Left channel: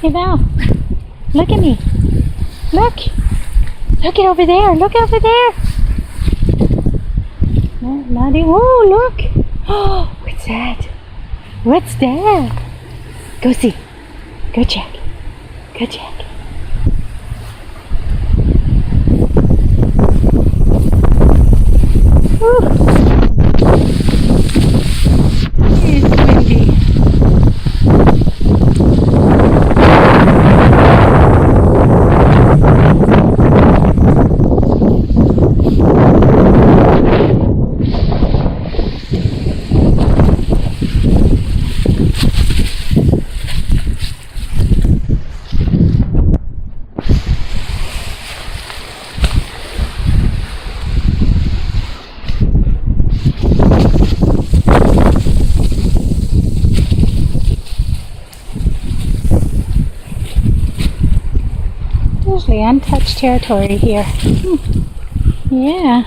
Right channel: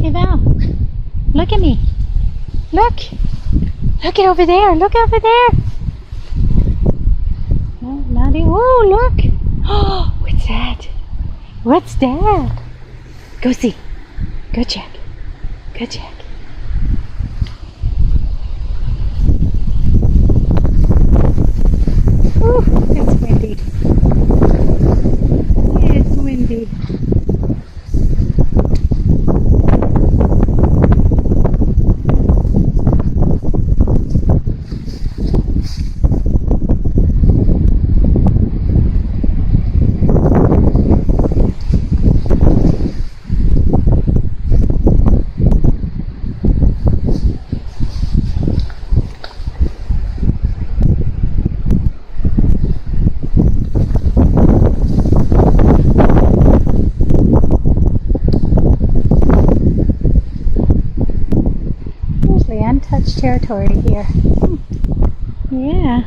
Hey Val, look at me. Look. Look it over there. Look over there. No, Maddie. Whoa, look. Oh, what's that? What's that? Go see. Go check. Go check. Ooh. It's windy. Usually untouched territory here. Yeah.